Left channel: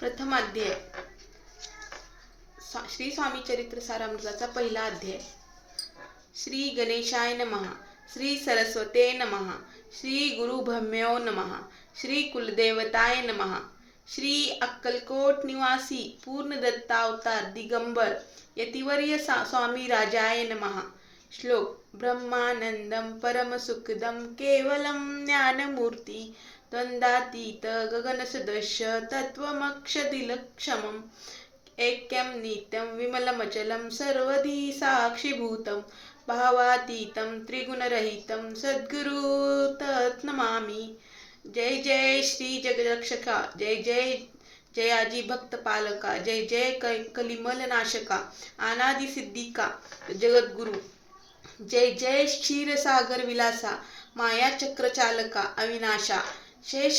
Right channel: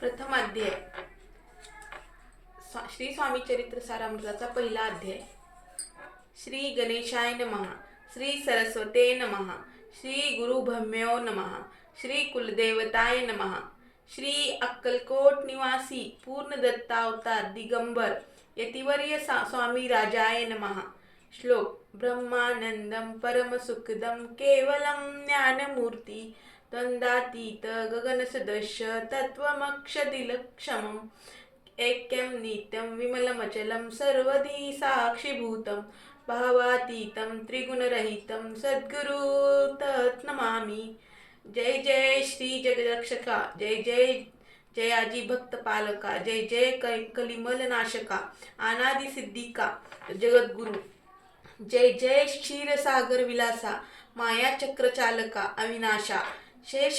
प्रथम अध्याय श्री स्वामी चरित्र सारामृताचा पहिला अध्याय. श्री गणेशाय नमः. श्री सरस्वते नमः. श्री गुरुभ्यम्यो नमः. श्री कुलदेवताय नमः. श्री अक्कलकोट निवासी पूर्ण दत्तावतार दिगंबर यतिवर्य स्वामी राजाय नमः. श्लोक. ब्रह्मानंदम परमसुखदम केवलम ज्ञानमूर्ती द्वंद्वातीत गगनसदृश्य तत्त्वमक्षदिलक्षमम् ऐक्यं नित्यं विमलमचलं सर्वधी साक्षीभूतं भावातीतं त्रिगुणरहितं सद्गुरु तत्नमामि. जय जय श्री जगदक्षका. जय जय जयाजी भक्त पालका. जय जय कलिमल नाशका अनादि सिद्धिका जगद्गुरु. जय जय क्षीरसागर विलासा माया चक्र चालका अविनाशा शेष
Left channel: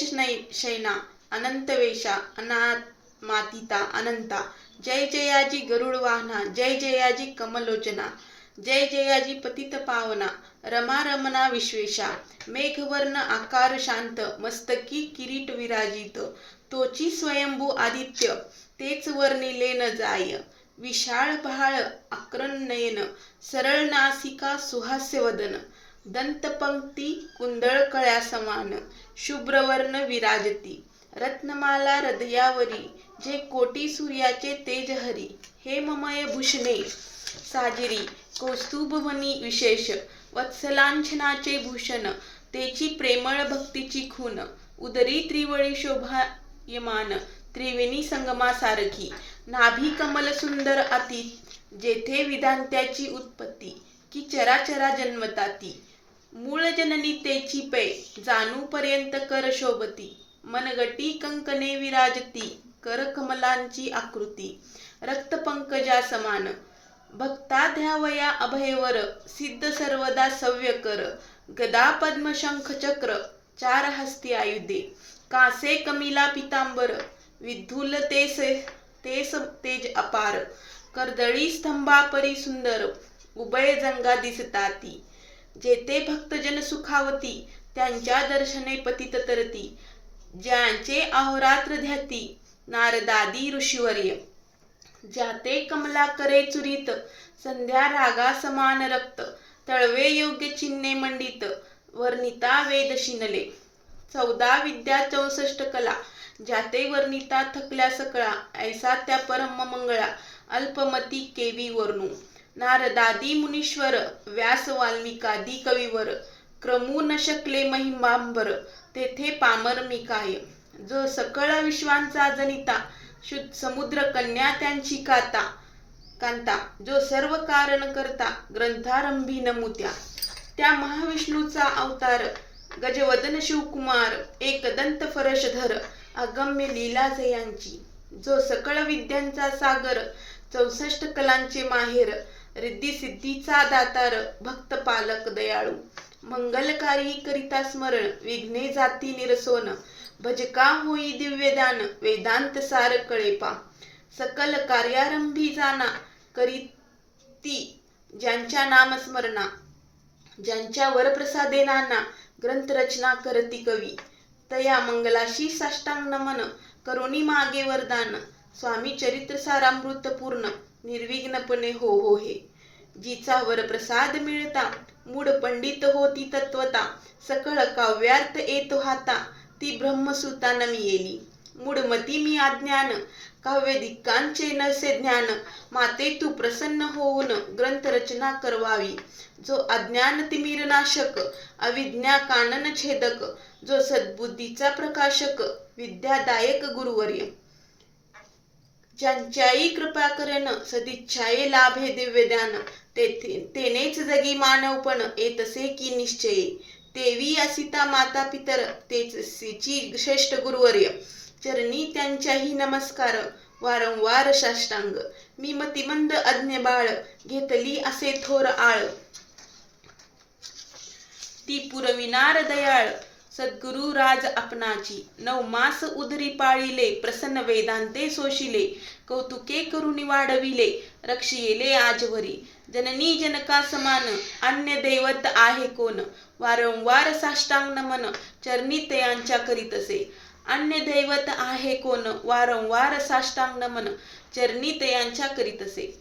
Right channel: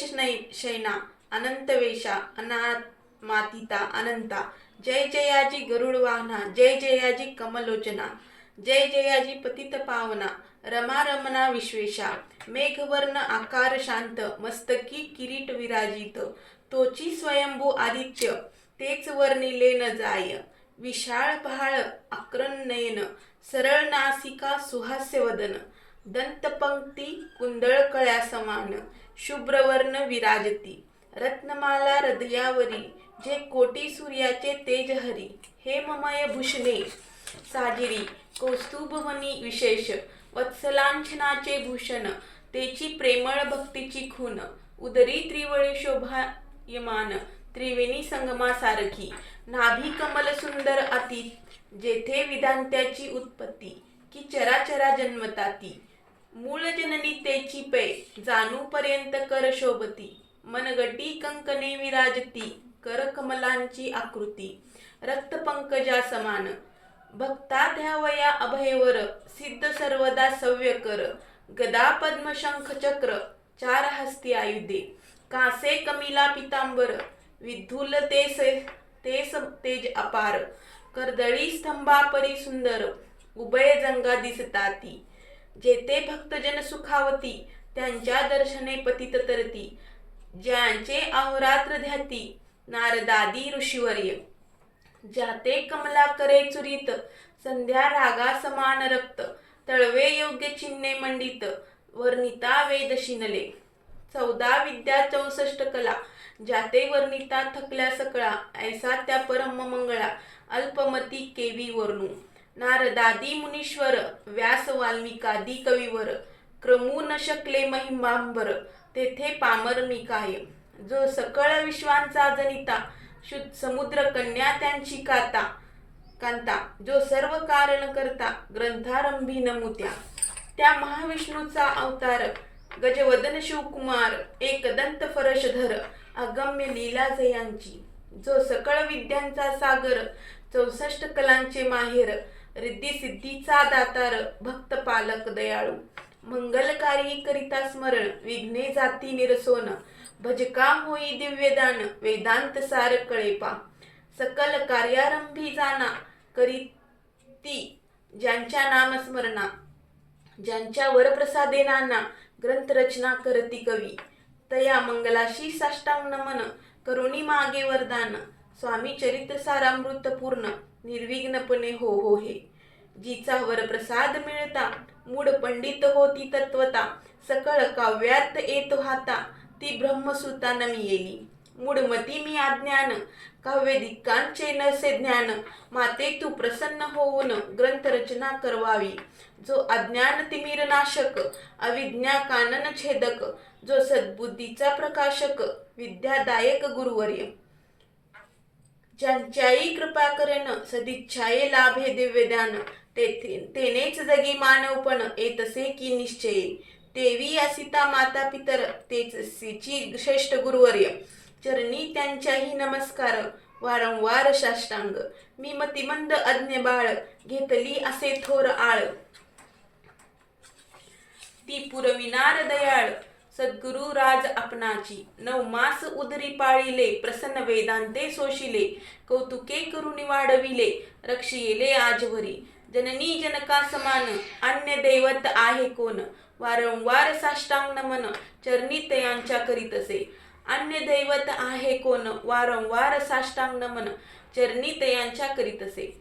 शैना अनंतवेशा अनात्मातीता अनंता. जय जयाजी गरुड वाहना. जय जयाजी कमलोचना. जय जयाजी पतित पावना रमा रमना विश्वेशा. मेघवर्ण आकार शांत मस्तकी किरीट विराजित तोची स्वयंभू आदित्य तेच वर्णिले न जाय. विशाळ पहाळ आकरण नयन सरळ नासिका सुहास्य वदन दंतपंक्ती कुंडळ कळ्या समान शुभ्रवर्ण विराजती. रत्नमाला हृदयावरी जे कोटी सूर्याचे तेज हरी. हेममय भूषणे साजिरी कौस्तुभवनी विशेष वत्सलांछनाचे भूषण तेची प्रेमळ भक्तीची खून. उदरी त्रिवळी शोभायमान त्रिवेणी संगमासारखी. नाभी कमल सुंदर अति जेथे विधांत्याची उत्पत्ती की चराचरा जन्मताती. मूळ जननी तेची पै जाणू पर्यंत कर शोभती. मनगटी कंकणे विराजती कर कमलांची आकृती रक्तपंकजा समान. भक्ता ध्यावया अभयवर सिद्ध सर्वदा सव्य कर. गदा पद्म शंख चक्र चार हस्ती आयुधे कासे कमिला पितांबर विद्धुल तेस तेज अपार. कर्दळी स्तंभापरी सुंदर उभय जंगा दिसताती. जेथे भक्तजन सुखावती त्यांच्या दर्शने पतित तरती. ज्यांचे अहोरात्र ध्याती नारदादी ऋषीवर्य. ज्याते कमला करे चुरित संध्या रागा समान रक्त तळवे योग्य चिन्हे मंडित वर्णिता वेद शिनले. 14 विद्या 64 कला ज्याते वर्णिता थकल्या सकळा ऐसा त्या परम मंगळा अल्पमती केवी वर्णू. नारदादी मुनीश्वर व्यास वाल्मिकादी कविवर क्रमू न शकले महिमांबर तेथे पामर मी काय. जो सकळ विश्वांचा जनिता समुद्र कन्या त्यांची कांता. जो सर्व कारण करता ग्रंथारंभी नमुत्या. त्या महाविष्णूचा अवतार गजवदन शिवकुमार एकदंत फरशधर अगम्य लीला जयांची. जो सकळ विद्यांचा सागर 64 कलांचे माहेर रिद्धी सिद्धीचा दातार भक्त पालक दयाळू. मंगलकारी करिता स्मरण विघ्ने जाती निरसोन भजका होई दिव्यदान वेदांत सार कळेपा. सकल कार्यारंभी जाना करीती ज्यांच्या नामस्मरणा. ज्यांच्या वरप्रसादे नाना ग्रंथरचना करती कवी. तया मंगलाशी साष्टांग नमन करुणी मागे वरदान. स्वामी चरित्र सारामृत पूर्ण निर्विघ्नपणे हो हे. जिचा वरप्रसाद मिळता मूढ पंडित होती तत्वता. सकळ काव्यार्थ येतो हाता ती ब्रह्मसुता नमी येली. मूढमती मी अज्ञान काव्यदिकांचे नसे ज्ञान. माते तू प्रसन्न होऊन ग्रंथरचना करवावी. जो अज्ञान तिमिर नाशक अविज्ञा कानन छेदक. जो सद्बुद्धीचा प्रकाशक विद्यादायक गुरुवर्य. ज्यांच्याई कृपा करेन सदिच्छाये लाभे दिव्यदान. तेनेच जगी मानवपण येतसे की निश्चये. तेवी असिता माता पितर तेच सिची श्रेष्ठ गुरुवर्य. चरणी त्यांच्याही नमस्कार वारंवार साष्टांग. मी मतिमंद अज्ञ बाळ घेतली असे थोर आळ. ती पुरविनार दयाळ सद्गुरु राज आपणाची. 9 मास उदरी पाळिले प्रसन्न वेदांते सोशिले. कौतुके करुणी वाढविले रक्षिले आजवरी. जननी जनका समान अन्य दैवत आहे कोण. वारंवार साष्टांग नमन चरणी तयांच्या करीतसे. अन्य दैवत आहे कोण, वारंवार साष्टांग नमन चरणी तयांच्या करीतसे.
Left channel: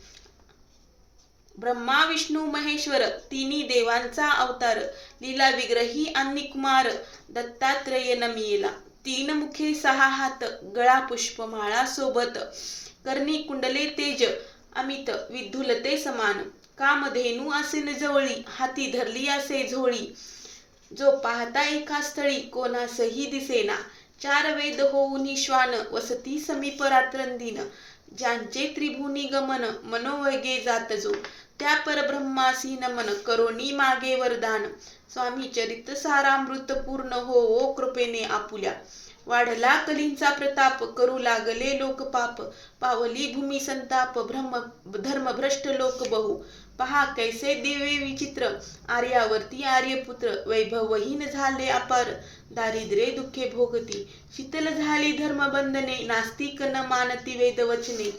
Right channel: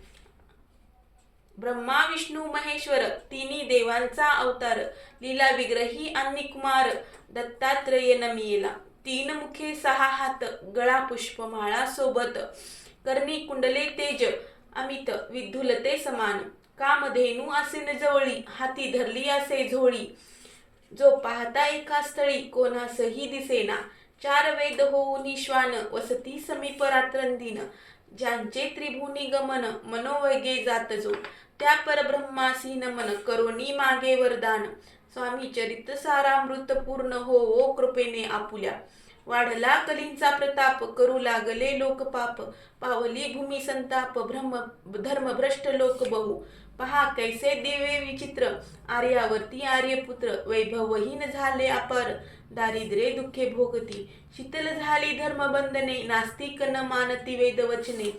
ब्रह्मा विष्णू महेश्वर तिन्ही देवांचा अवतार, लीला विग्रही आणि कुमार दत्तात्रेय नमियेला. 3 मुखे 6 हात, गळा पुष्पमाळा सोबत, कर्णी कुंडले तेज अमित विद्युलते समान. कामधेनू असे जवळी, हाती धरली असे झोळी, जो पाहता एका स्थळी कोणासही दिसेना. 4 वेद होऊनी श्वान, वसती समीप रात्रंदिन, ज्यांचे त्रिभुवनी गमन मनोवेगे जात जो, त्या परब्रह्मासी नमन करोनी मागे वरदान. स्वामी चरित सारामृत पूर्ण हो कृपेने आपुल्या, वाढला कलींचा प्रताप करू लागले लोक पाप, पावली भूमी संताप धर्मभ्रष्ट लोक बहु. पहा कैसे दिवे विचित्र, आर्यावर्ती आर्यपुत्र, वैभवहीन झाले अपार, दारिद्र्ये दुःखे भोगती, शीतल झाली धर्मबंधने, नास्तिक न मानती वेदवचने.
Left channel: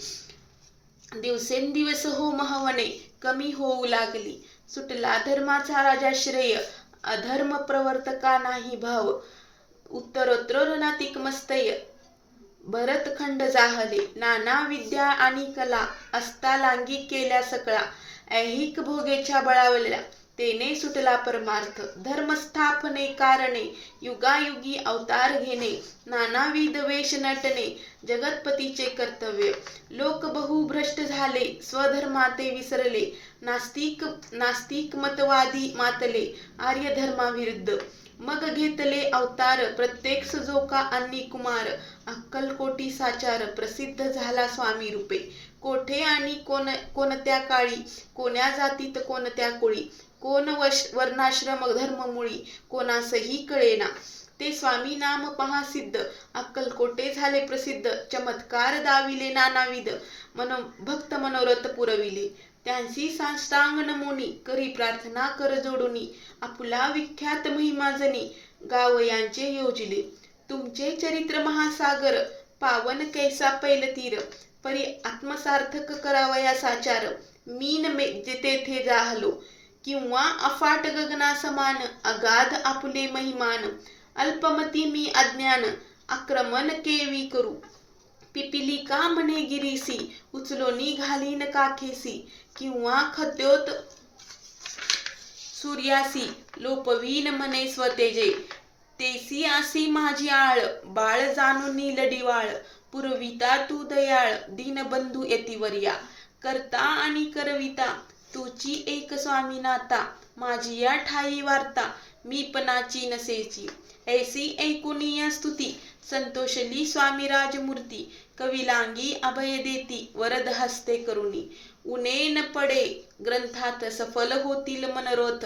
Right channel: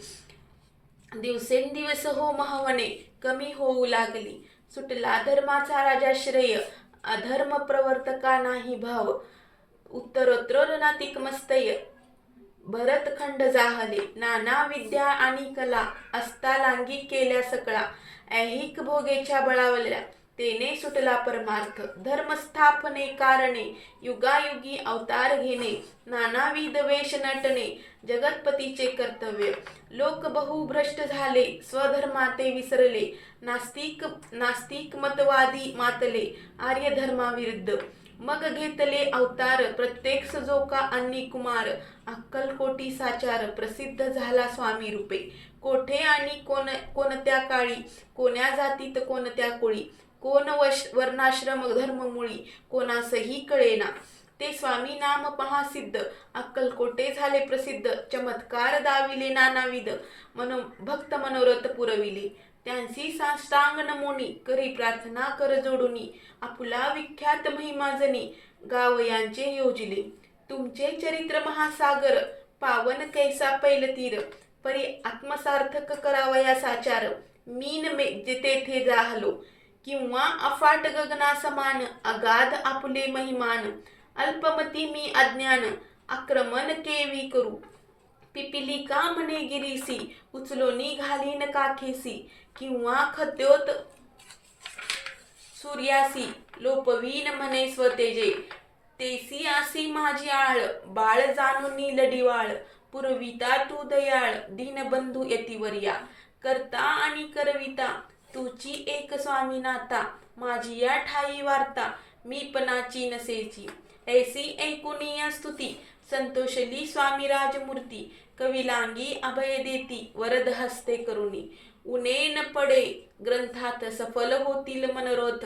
दिवसेंदिवस हो महवने कमी होऊ लागली, सुटला धर्माचा राजाश्रय, अधर्म प्रवर्तका नाही भाव. उत्तरोत्तर नातिक मस्तय, भरतखंड जाहले, नाना विद्या आणि कला, अस्तालांगी केल्या सकळा, ऐहिक भोगेच्या बळावल्या, तेने सुटला परमार्थ. धर्मस्थापने कारणे, युगायुगी अवतार घेणे, नानाविध वेश नटणे, जगतपतीचे कर्तव्य. लोक बहु भ्रष्ट झाले, स्वधर्माते विसरले, नास्तिक मतवादी मातले, आर्य धर्माविरुद्ध. मग घेतले अवतार प्रत्येक सजोका आणि कुमार, अक्कलकोटी साचार प्रसिद्ध झाला स्वामी रूपे. कोठे आणि कोणत्या काळी, कोण्या जातीत कोणत्या कुळी, कोण वर्णाश्रम धर्ममुळी, कोणासही कळेना. ते स्वामी नाम पहा सिद्ध, अक्कलकोटे झाले प्रसिद्ध, चमत्कार दाविले नानाविध, भक्त मनोरथ पुरविले. त्यांची साष्टांग नमोनी, करी प्रार्थना कर जोडुनी, आपुला विख्यात महिमा जनी, गाव यांचे योजिले. तुमचे चरित्र महासागर, पावन कैसा पैलतीर, परी आत्मसार्थक करावया साचार. मीन तेथे जाहलो, किंवा अफाट गगना समान, अगाध आपुले महिमान. अल्पमती मी अज्ञान, आक्रमण केवी करू, पिपिलिका म्हणे गिरीसी, उचलोनी घालीन काखेसी, किंवा खद्योत सूर्यासी, लोपवीन म्हणे स्वतेजे. तेसी आसी माझी आळ, बाळ जाणूनी लढिवाळ, पुरविता तू दयाळ, दीनबंधू यतिवर्या. करता आणि करविता तुची एक स्वामी नाता, माझी या ठाई वार्ता मीपणाची नसेची. ऐसी ऐकुनिया स्तुती, संतोषली स्वामी राजमूर्ती, कविलांगी अभय देती, वरद हस्ते करुणी. उणे न पडे ग्रंथात, सफल होतील मनोरथ,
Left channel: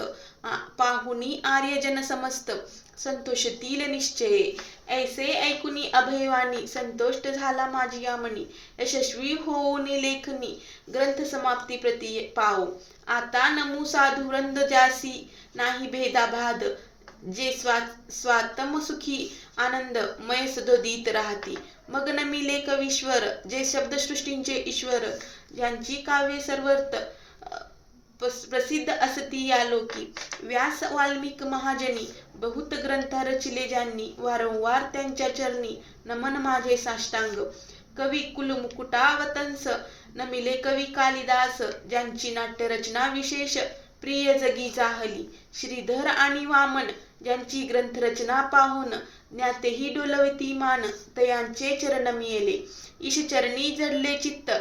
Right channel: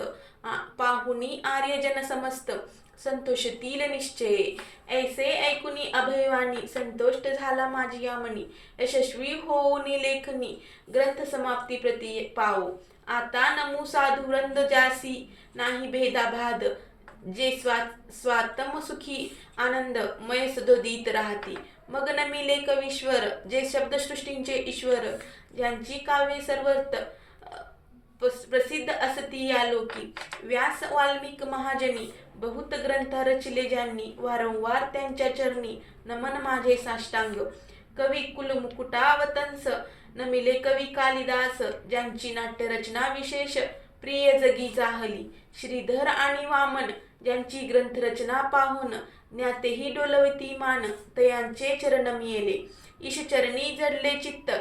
पाहुनी आर्यजन समस्त, संतोषतील निश्चये. ऐसे ऐकुनी अभयवाणी, संतोष्ट झाला माझी या मनी, यशस्वी होऊनी लेखनी, ग्रंथ समाप्ती प्रती पावो. आता नमू साधू वृंद ज्यासी नाही भेदाभाद, जे स्वातम सुखी आनंद मय सदोदित राहती. मग नमिले कवीश्वर, जे शब्दसृष्टींचे ईश्वर, ज्यांची काव्ये सर्वत्र प्रसिद्ध असती या लोकी. व्यास वाल्मिक महाजनी, बहुत ग्रंथ रचिले ज्यांनी, वारंवार त्यांच्या चरणी नमन माझे साष्टांग. कवी कुल मुकुटावतंस, नमिले कवी कालिदास, ज्यांची नाट्यरचना विशेष प्रिय जगी जाहली. श्रीधर आणि वामन, ज्यांची ग्रंथरचना पाहून ज्ञातेही डोलवती मान, तयांचे चरण मिळेले. ईशचरणी जडले चित्त,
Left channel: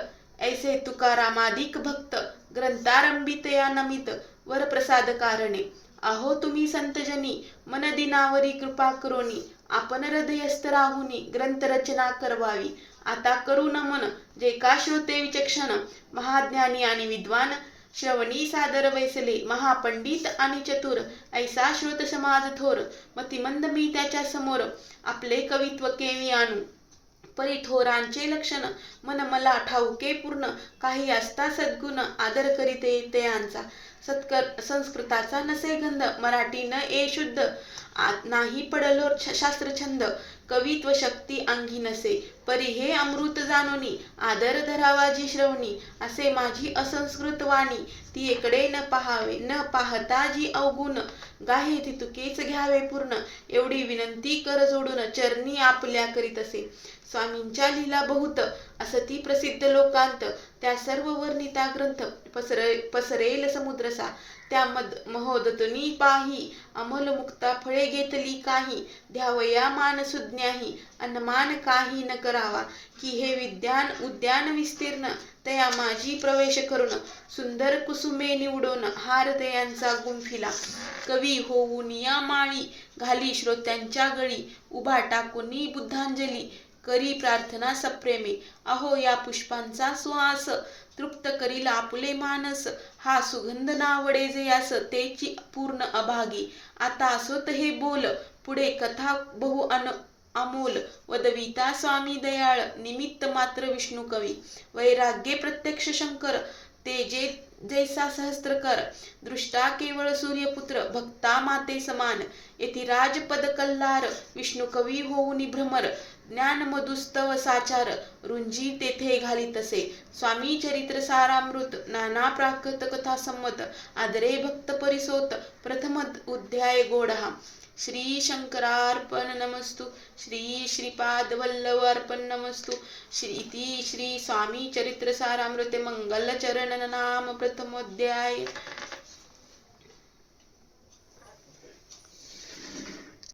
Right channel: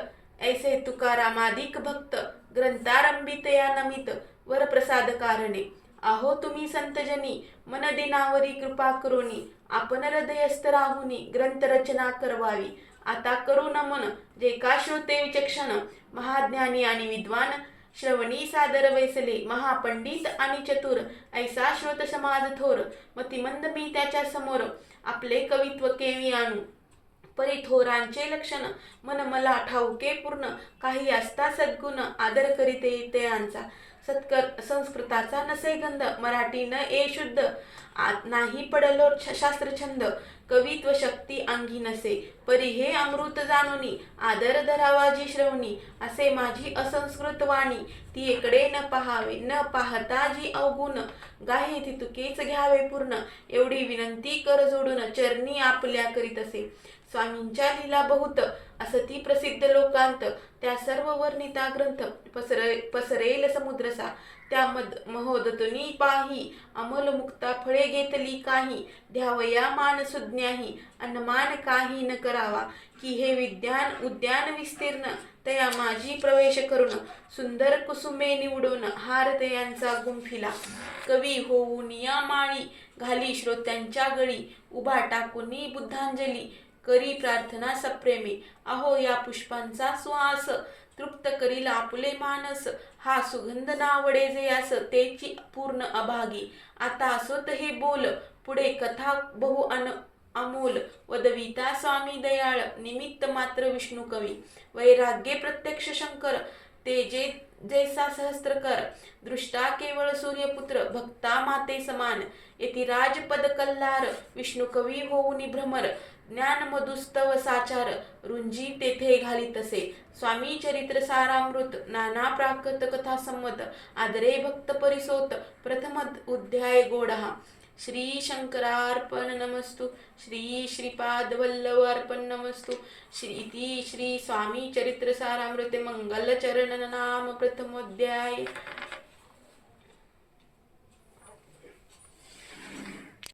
ऐसे तुकारामादिक भक्त, ग्रंथारंभी तया नमित, वरप्रसाद कारणे. अहो तुम्ही संतजनी, मन दिनावरी कृपा करोनी, आपण हृदयस्थ राहुनी ग्रंथरचना करवावी. आता करू नमन जे का श्रोते विचक्षण, महाज्ञानी आणि विद्वान, श्रवणी सादर वैसले, महापंडित आणि चतुर, ऐसा श्रोत समाज थोर. मतिमंद मी त्याच्या समोर, आपले कवित्व केवी आणू. परी थोरांचे लक्षण, मन मला ठाऊके पूर्ण, काही असता सद्गुण, आदर करीते तयांचा. संस्कृताचा नसे गंध, मराठी न ए शुद्ध, नाही पडलो शास्त्रछंद, कवित्व शक्ती अंगी नसे, परी हे अमृत जाणुनी, आदर धरावा जी श्रवणी, असे माझी असंस्कृत वाणी, ती इकडे न पाहावे, न पाहता जी अवगुण, गाहे ती तुकेच घ्यावे पूर्ण, एवढी विनंती कर जोडून, चरणी आपल्या करीत असे. स्वामींच्या लीला बहुत असती प्रसिद्ध लोकांत, त्या सर्व वर्णिता ग्रंथ, पसरेल समुद्रसा, त्या महोदतनी पाही, अमल मुक्ता फळे घेतली काही, द्यावया मान सुज्ञाही, अनमान काही न करावा, की हे विद्यान उद्यान विस्तीर्ण, तया माझी प्रवेश करून, सुंदर कुसुमे निवडून, हार तयांचा गुंफिला, कवी होऊन या माळी, घाली श्रोत्यांच्या गळी, उभा टाकूनी बुद्धांजली, करी प्रार्थना सप्रेमे, अहो या पुष्पांचा सुवास, तृप्त करील आपुले मानस, हा सुगंध नावडे जयास, तेची पूर्ण अभागी, आता असोत हे बोल, पुढे कथा बहु अमोल, वदविता स्वामी दयाळ, निमित्त मात्र विष्णू कवी, वैराग्ये प्रत्यक्ष शंकर, तेजे जैसा सहस्त्रकर, दृष्टा केवळ सूर्यपुत्र, भक्ता माते समान, येथे राजपद कल्लार, विष्णू कवी होऊनी भ्रमर, ज्ञान मधुस्तव साचार, रुंजी तेथे घाली तसे, स्वामी चरित्र सारामृत, नाना प्राकृत कथा संमत, आदरे भक्त परिसोत, प्रथम अध्याय गोडहा. श्री शंकरार्पण नमस्तु. श्री श्रीपाद वल्लभ अर्पण नमस्तु. श्री स्वामी चरित्र सारामृत मंगल चरण नाम प्रथमोध्याय.